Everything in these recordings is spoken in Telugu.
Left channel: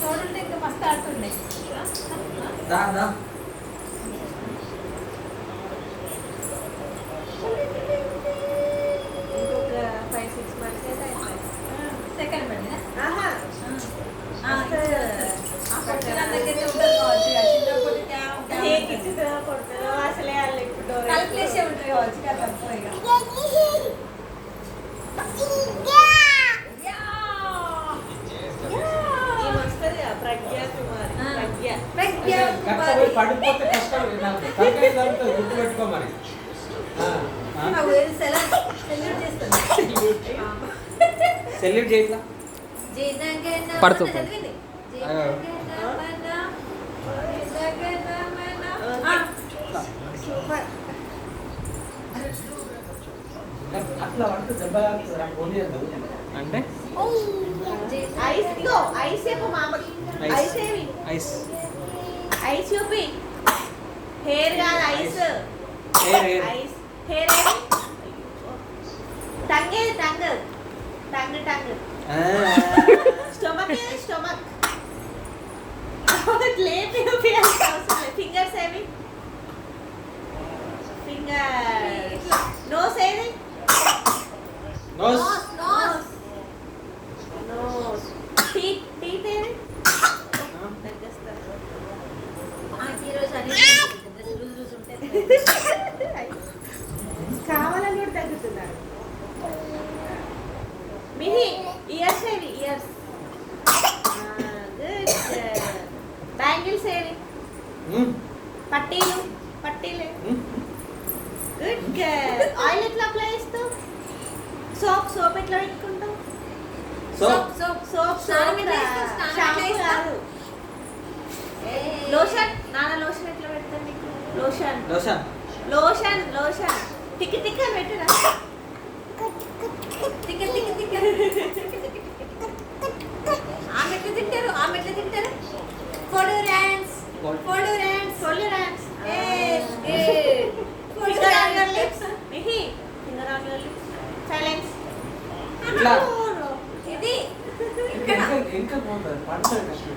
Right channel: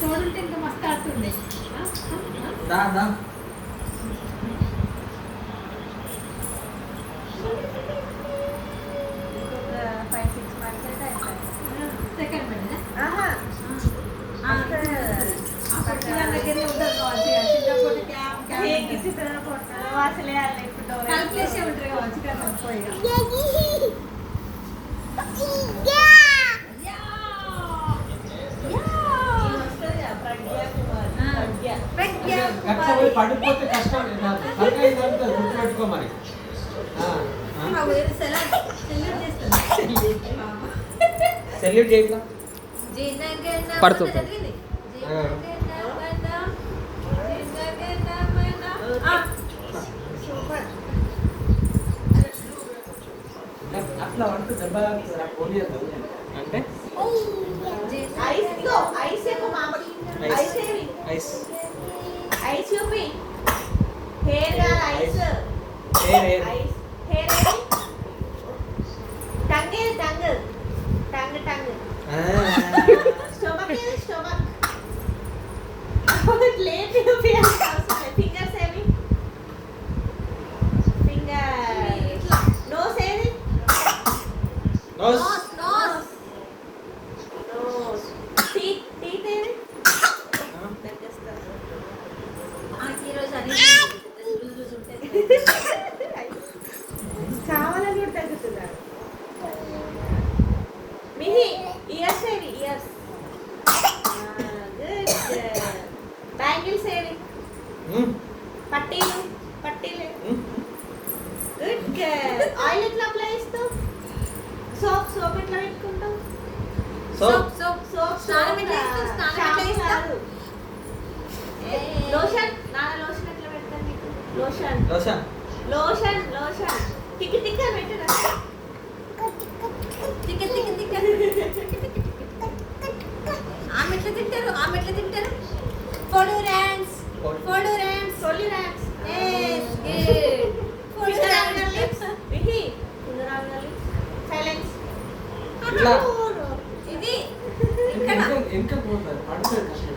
చూడంటే ఇంకా మస్తు ఆడుతుంది. ఇంకొక 5-6 months అయితే అయిపోయింది. సెకండ్ పడినా అసలే కలిపేసే ఉంటారు కావచ్చు. పడిపోతే కష్టం గుర్తుపెట్టుకో మరి. సెల్యూట్ చేస్తా పడుతూ అట్లా అంటే దెబ్బ పోనీయద్దు అంటే ఐస్ చూపి హెయిర్ కాదు eyes eyes hair tongue tongue tongue tongue stomach stomach లేపి ఫింగర్స్ ఏవి ఫింగర్ నోస్ ఏది nose nose nose teeth teeth ఏది ఈరోజు అన్ని లూజ్ లూజ్ ఉంటాయి. కావాలని కూడా తగ్గుతున్నాడు. మిహి ఇయర్స్ ఏవి ఇయర్స్ బ్యాంగిల్స్ ఏవి పట్టీలు పట్టీలు గుడ్ ఆయిల్ ఎట్లా అప్లై చేస్తావు సోప్ సోప్ ఎట్లా పెట్టుకుంటావు సోప్ సోప్ సోప్ స్నానం ఎట్లా చేస్తావు? స్నానం ఎట్లా చేస్తావు? లోషన్ నాన్న లోషన్ ఎట్లా పెడతాను నీకు లోషన్ లోషన్ లోషన్ లోషన్ తిక్కి తిక్కి అని పెట్టినా తిక్క తిక్క తిక్క ఆమె ఎట్లా తింటారు? ఆమె ఎట్లా తింటారు? ఫోడు ర్యాన్స్ ఫోడు ర్యాన్స్ సొల్లు ర్యాప్స్ ఫోడు ర్యాన్స్ మిహి సైలెన్స్ ఇట్లా ఇది ఇంకా పోతుంది పడుతుంది కష్టం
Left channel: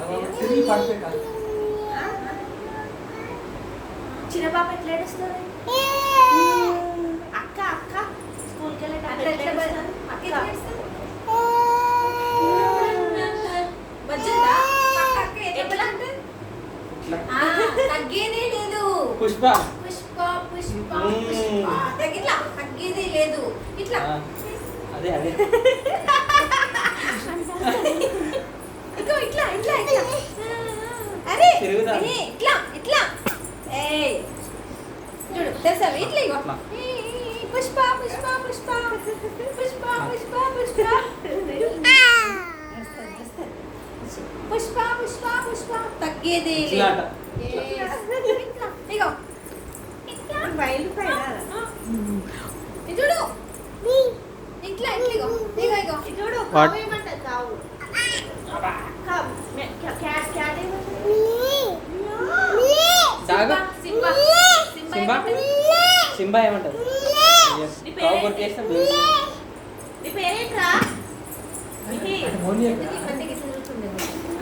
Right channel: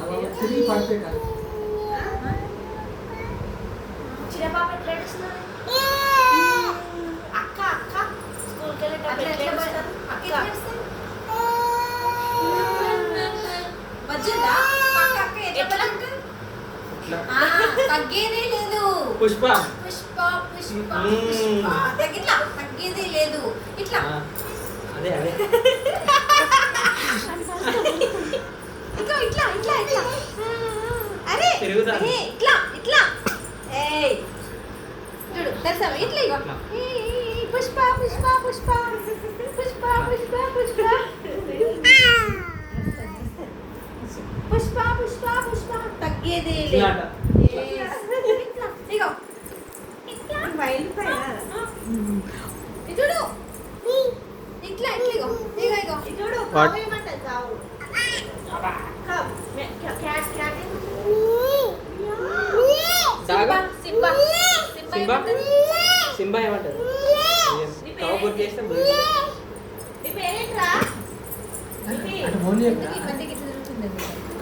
అలా తిరిగి పడితే కాదు. చిన్న పాప ఎట్లా ఏడుస్తుంది అక్క అక్క స్కూల్కి అట్లా ఎట్లా వెళ్ళేటప్పుడు అక్క అక్క వచ్చిందా పక్క అక్క ఎట్లా తింటారు? ఇట్లా తగ్గేదే లేదు. పుష్ప పుష్ప పుష్ప పుష్ప తగ్గిట్లా తగ్గేదే లేదు. ఇట్లా అదే అదే ఇట్లా ఇట్లా ఇట్లా ఇట్లా అరే తిరుగుతా. ఇట్లా ఇట్లా ఏయ్ చూడు తెలుసా ఇట్లా ఇగో అట్లా. పుష్ప పుష్ప పుష్ప పుష్ప పుష్ప పుష్ప పుష్ప పుష్ప పుష్ప తగ్గేదే లేదు. ఇలాట. Yes. ఇగో ఇట్లా ఇది చూడు ఇట్లా ఇట్లా ఇగో ఇగో ఇగో చూడు What? కావు ఏమంటది కావు కావు cat cat dog Simba Simba ఏమంటది? సింబా ఏమంటది కావు చేస్తే నీ పేరేంట్రా అంటే పోనీ ఈ మధ్యకి ఇట్లా తిరుగుతుంది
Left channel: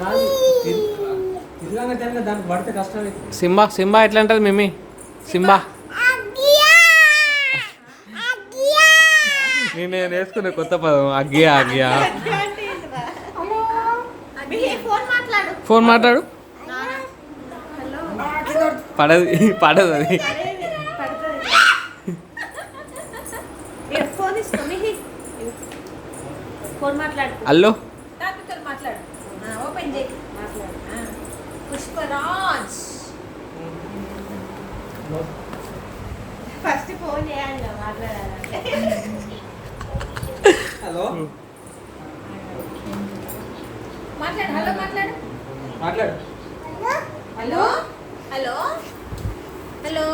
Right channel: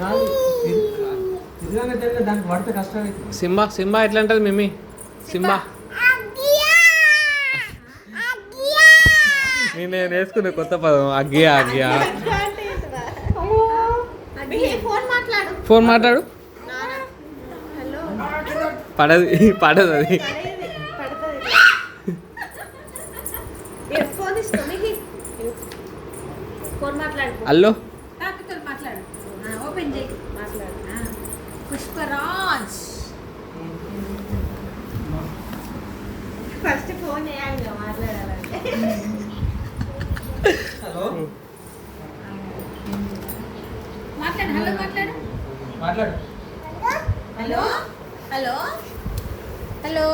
కాదు తిరగానే దానికి పడితే కష్టం అవుతుంది. సింబా సింబా ఎట్లా అంటది మిమ్మీ సింబా నేను వేసుకునే కొత్త పదం అగ్గియా అగ్గియా ఫోన్ మాట్లాడు ఫోన్ మాట్లాడు హలో పడదు పడదు అది ఫోన్ ఇస్తా ఫోన్ మాట్లాడు హలో తాపితో మాట్లాడు ఓపెన్ చేయి మాట్లాడు పుష్పరాజ్ ఫస్ట్ ఫోన్ చేయాలి మాట్లాడాలి హలో మాట్లాడు హలో మాట్లాడు మాట్లాడు hello hello hello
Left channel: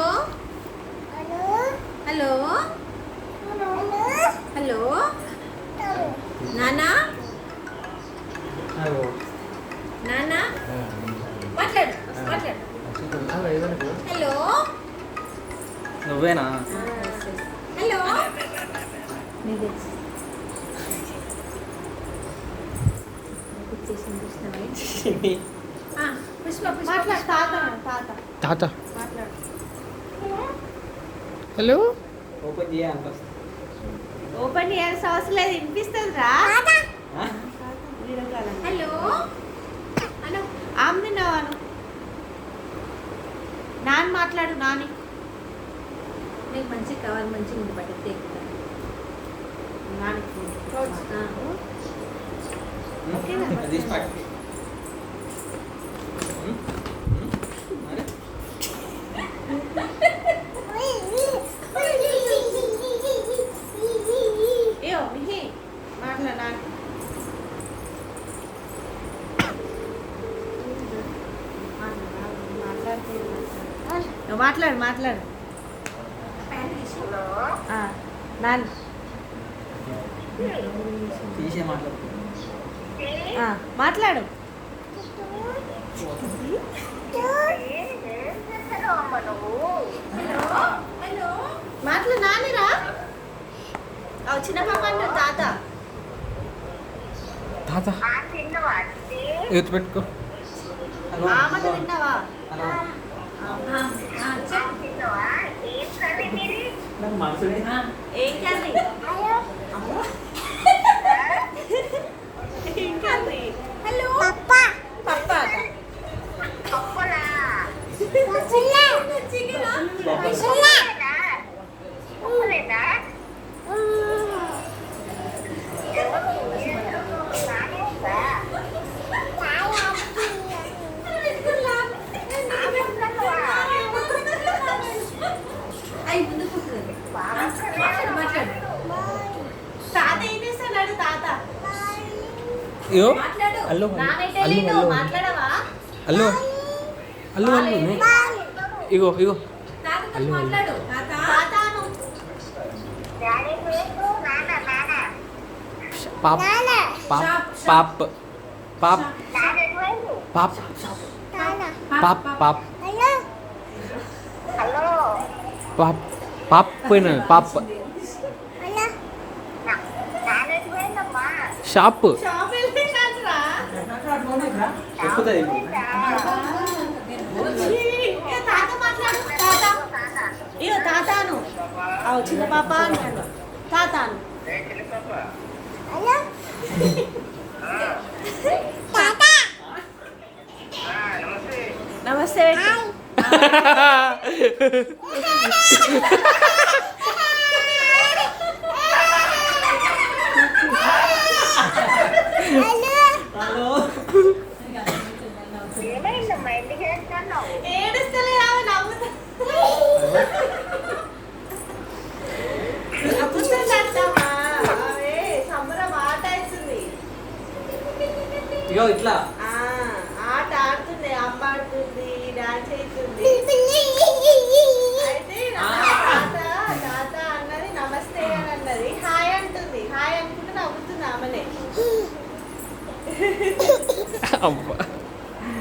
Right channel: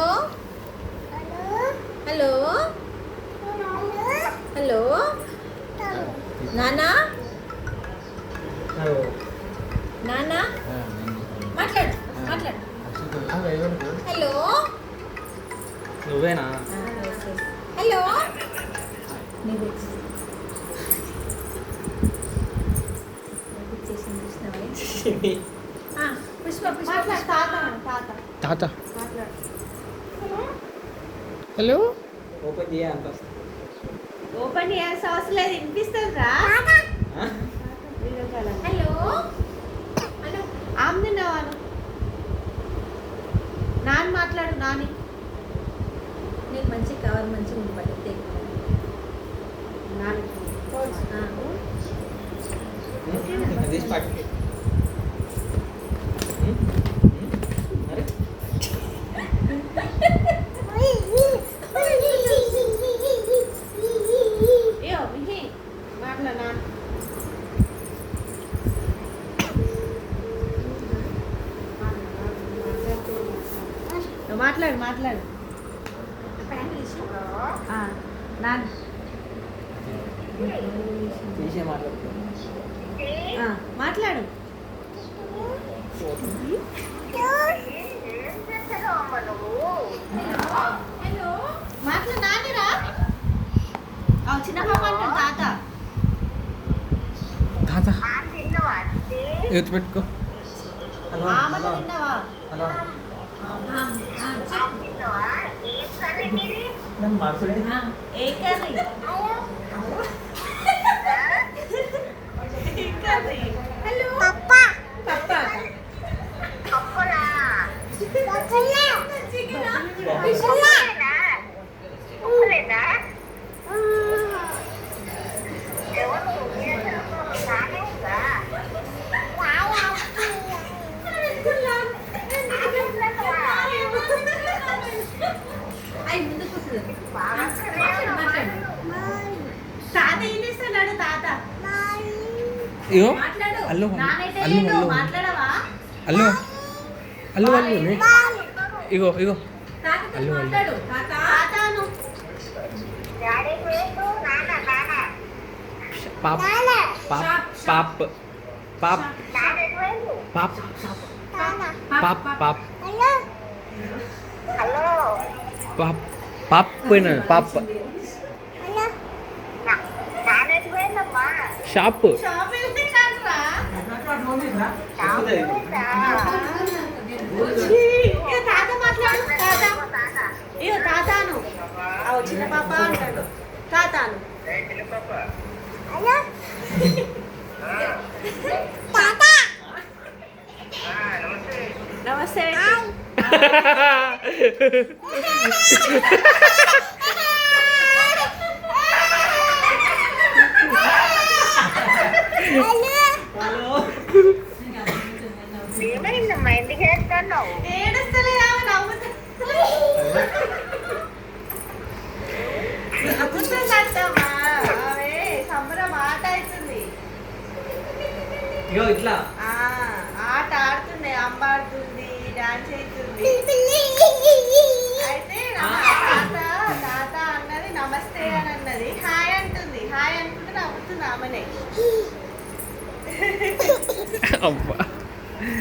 hello hello నానా హలో నానా మాట్లాడు మాట్లాడు హలో నువ్వేనా హలో ఆ, పుష్ప పుష్ప మాట్లాడు పుష్ప. తాత తాత మాట్లాడు. హలో ఓపెన్ చేయాలి ఫస్ట్. ఓపెన్ చేయాల్సిన అవసరం లేదు, వినిపిస్తుంది రా. ఆ? వీడియో కాల్ అని. హలో హలో ఆమె నవ్వాను. నాన్న మాట్లాడు, నాని. నీకు మంచి కవర్ మంచిగా ఉంది పట్టితే నాని అది తీసి పట్టు. మరి ఏయో మిహి మాట్లాడు నాన్న. మాట్లాడు మాట్లాడు. ఆ, నాన్న. తీసే మాట్లాడు. ఆ, మాట్లాడు. హలో మాట్లాడు నానిరా. చిన్న పాప అంటే తాత. తాత ఎత్తు పెట్టుకో హలో. ఆమెను విన్నావా? హలో. చెప్పు. నా మనసులే. ఏం కర్రీ? ఏం కర్రీ? హలో పప్పా. అయి ముందు కూర్చుంది. మాట్లాడు తాత ఏం చేస్తున్నాడు తాత? అయ్యో మాట్లాడు. అల్లు నానైతే అల్లు లేదు, అల్లు మాట్లాడవా? అల్లు అల్లు అల్లు నే. ఇగో ఇగో తాతతో అల్లు, అల్లు. మాట్లాడు తాత తాతాను. పాప్ పాప్ పాప్ పాప్ పాప్ పాప్ పాప్ పాప్ పాప్ పోయినా పాప్ షాప్ షాప్ వెళ్ళిందంటరా? చెప్పుతుంది ఇది. ఏ తాత మాట్లాడు. తాత. ఇయ్యో తాతాను. చిన్న పాప అంటాడు. తాతాను. నమస్తే. హలో. ఏడుస్తలే ఆమె నవ్వుతా. నవ్వుతుందంటమ్మా. ఆమె సంబరం ఆట అవుతుంది. ఇగో ఇట్లా ఆట ఆడుతుంది, అమ్మ ఆడుతుంది, డాన్స్ అవుతుంది. అయితే తాత అన్నది నమస్తే అని అన్నది. హాయ్ అంటుంది. హాయ్ అనుకుంటే నవ్వుతుంది ఆమెనే. అబ్బా